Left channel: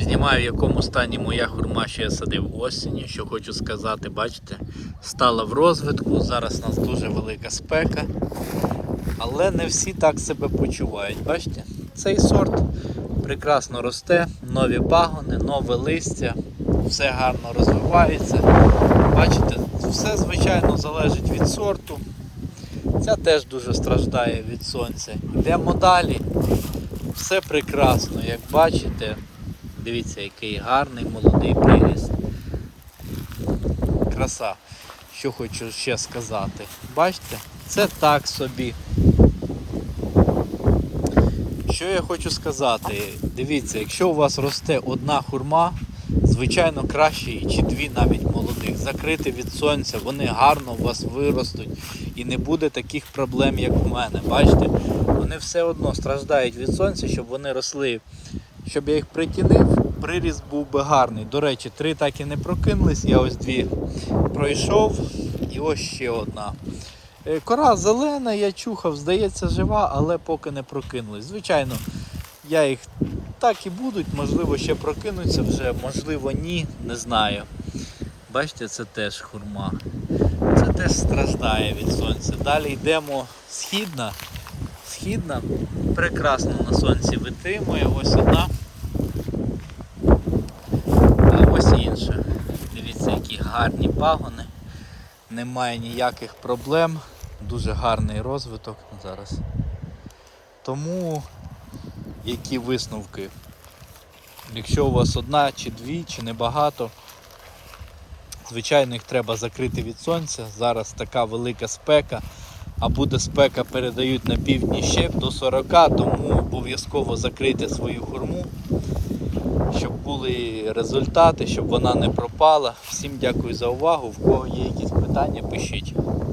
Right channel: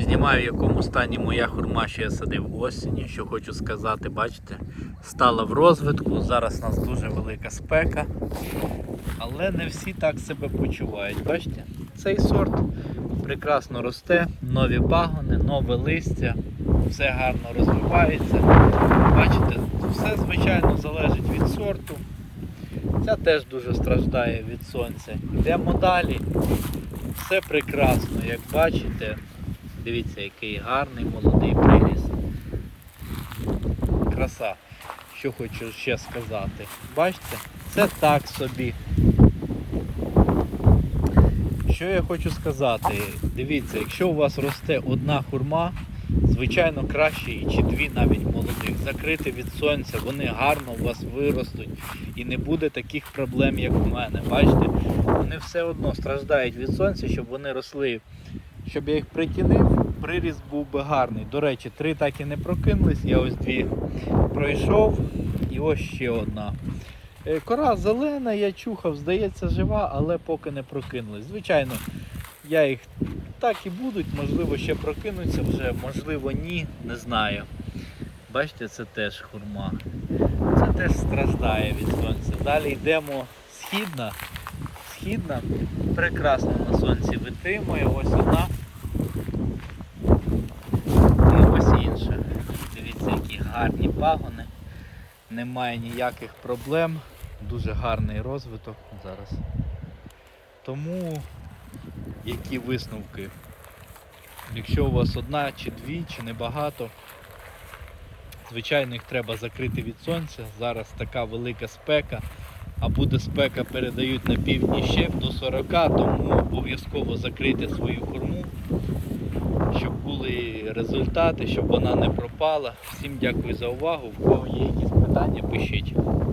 Знімаю, в якому стані моя хурма, що я садив осінню. Що хочу сказати, бачите, стала в розвитку. Зараз у нас дуже велика спека. Але не всі так себе почувають. Бачите? Цей сорт прекрасно росте, нові пагони, нове листя, все гарно розвивається. Бачите, все звичайно залежить від сорту. Ця теж дуже страждає від сонця. Йдемо далі. Все прекрасно, як бачите. Дивіться, який гарний молодий приріст. Краса. Що хочу ще сказати. Бачите, це так собі. Що я хочу сказати? Дивіться, якщо у вас росте одна хурма, звичайно краще чи дві навіть молодих. Закрити від сонця, вони гарно у вас виростуть і не буде таких проблем, як у мене. Бачите, вони все одно страждають від сонця, щоб вони росли. Щоб я їх притінив, приріст був би гарний. До речі, три так і не прокинулись. Я ось дві пройшов і ось ще одна. Е, Кора зелена, я чухав, здається, жива, але поки не прокинулись. Звичайно, я їх так і будуть, можливо, ще прокинуться вже, можливо, ні, не знаю. Бачите, це теж хурма. Це теж страждає від сонця. Далі йдемо східна. Східна прекрасно на сонці витримує. Ось одна. А ось інша. Дивіться, які гарні пагони. Немає ніяких проблем. Дуже гарний розвиток зараз. Тому які висновки? Якщо у вас одна чи дві, чи небагато, звичайно їх треба закрити від сонця. Зараз така велика спека, а буде спека, передають на півдні ще до 40, тому обов'язково закрийте свою хурму, щоб були результати, щоб вона не пропала. Всім дякую за увагу. В кого є якісь питання, пишіть.